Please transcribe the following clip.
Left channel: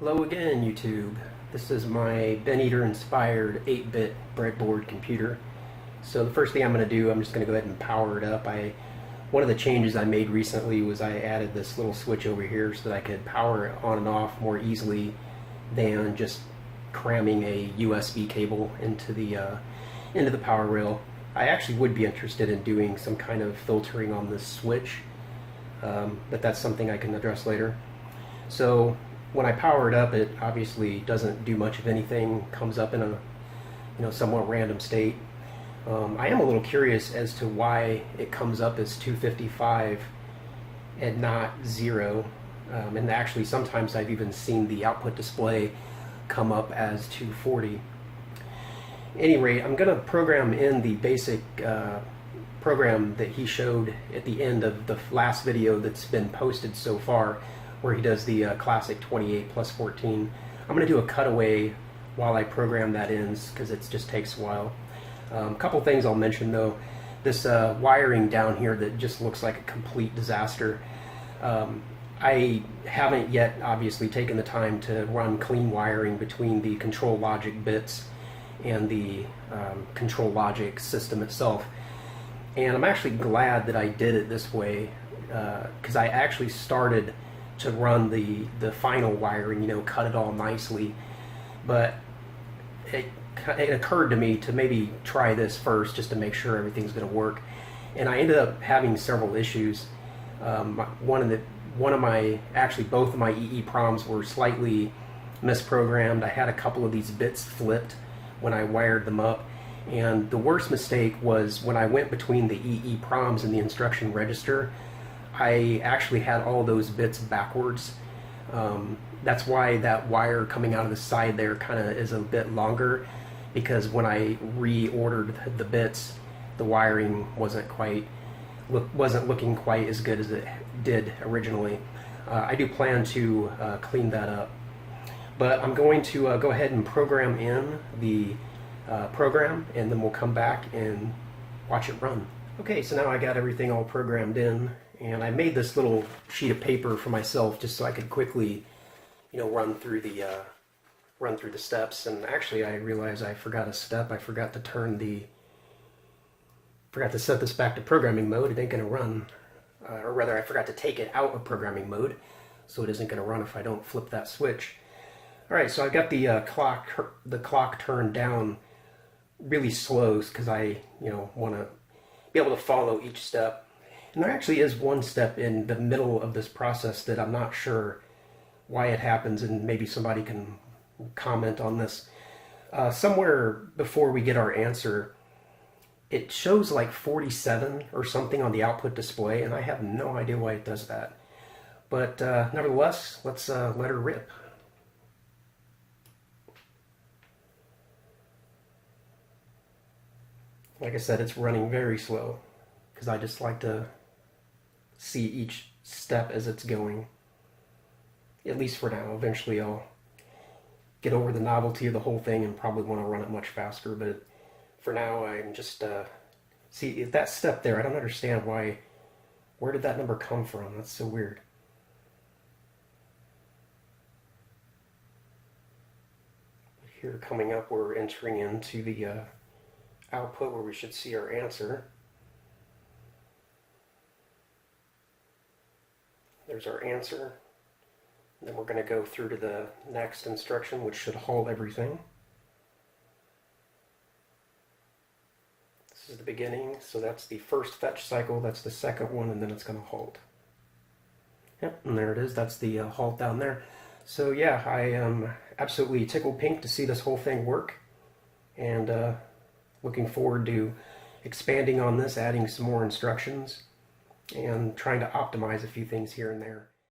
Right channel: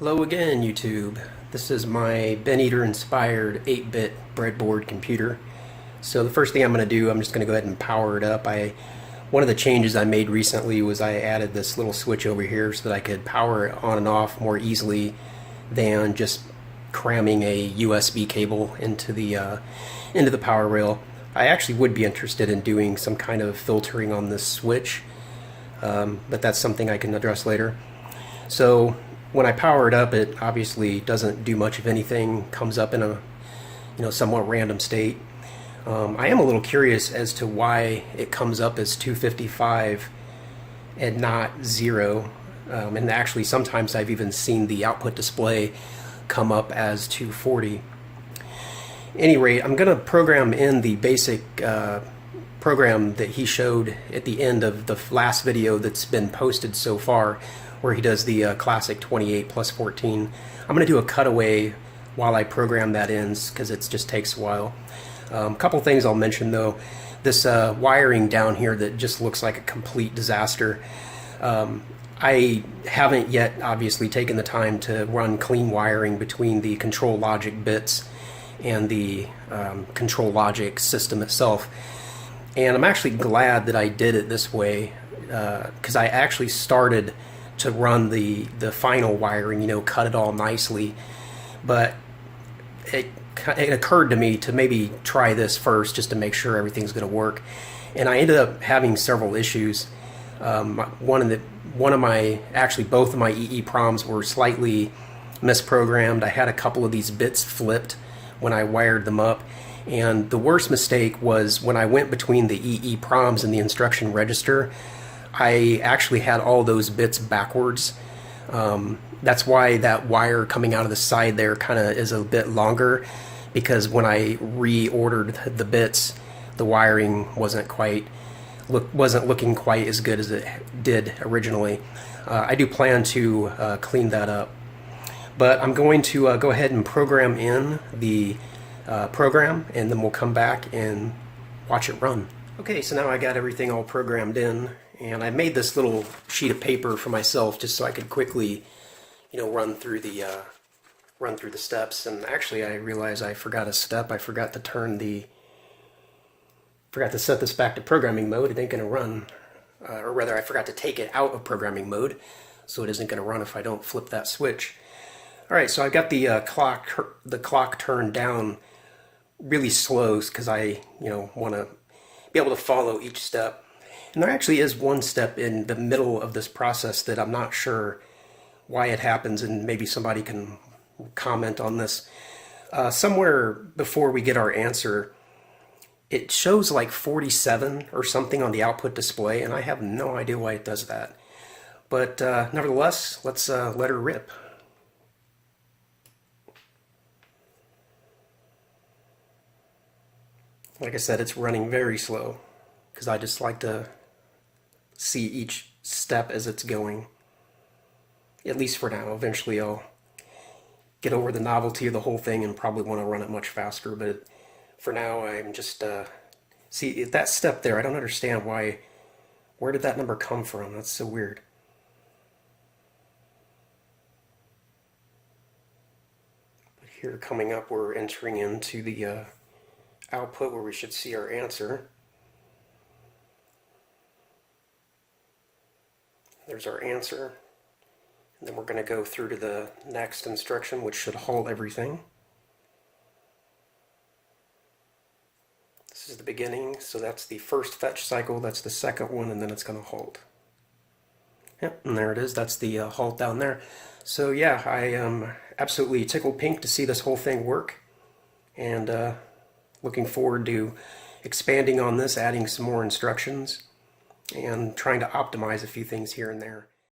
Hello again, YouTube. This is my Ben Eater inspired 8-bit breadboard computer. So the first thing I'm going to do, I'm just going to go ahead and power it up. One of the changes I made recently was I added this little switch over here so that I could power it on and off more easily than just cramming a USB cable into the power rail. I actually would be interested in doing some kind of filtering on this switch, but that's something I can address later. So when I power it up, it obviously doesn't do much of anything, comes up in a somewhat random state. I am a little curious as to why it comes up as 255 and not 0. And actually sometimes I've even seen the output display come up as 240. At any rate, I'm going to program in the basic program that he showed at the end of the last video that's been posted so far, where he does the classic 28 plus 14. I'm going to do a cutaway while I program that in because it just takes a while. A couple things I'll mention though. This wiring down here that just looks like a complete disaster. I haven't yet obviously taken the time to run clean wiring between the control logic bits and the control logic system itself. And I'm actually glad that I did it this way because I actually started to run the final wiring, cut it all nicely, but it occurred to me to maybe try this first just to make sure everything's going to work, and I ended up having several issues. Both of my EEPROMs were slightly misprogrammed. I had a couple of these bits flipped when I wired them up, and the worst mistake was when I went between the EEPROMs and the instruction register. I actually had all those bits backwards. That's why that wire coming out of the side there kind of is a bit longer, because when I reordered the bits, the wiring wasn't looking quite as good as it did originally. I do plan to clean that up, but I'm going to go ahead and program in the program, and then we'll come back and watch it run. Okay, so now I got everything all programmed in, and I made this little sheet of paper for myself just so I could quickly, run through the steps. And actually, I realized I forgot a step. I forgot to set this back to programming mode. It ain't gonna run, or rather, I forgot to take it out of programming mode, so it isn't gonna run if I don't flip that switch. All right, so I've got the clock turned down really slow because I want to be able to follow each step. And there actually is one step in the middle of this process that I'm not sure why it happens, and maybe somebody can comment on this. Somewhere before we get our answer, it shows like 47 or something on the output display, and I have no idea why it does that. But nevertheless, let's let her rip. Like I said, it's running very slow because I just like to see each step as it's going, at least for now. Eventually I'll get over the novelty of the whole thing and probably want to run it much faster, but for now I'm just see that step there, I don't understand where did that number come from? That's so weird. Here coming up, we're entering into the output where we should see our answer. There's our answer. And then we're going to go through to the next instruction, which should halt everything. This is the beginning, so that's the first fetch cycle, that's the second one, and then it's going to halt. Yep, and there it is, that's the halt down there. So yeah, I am absolutely tickled pink to see this whole thing work, and looking forward to expanding on this, adding some more instructions, and trying to optimize a few things here and there.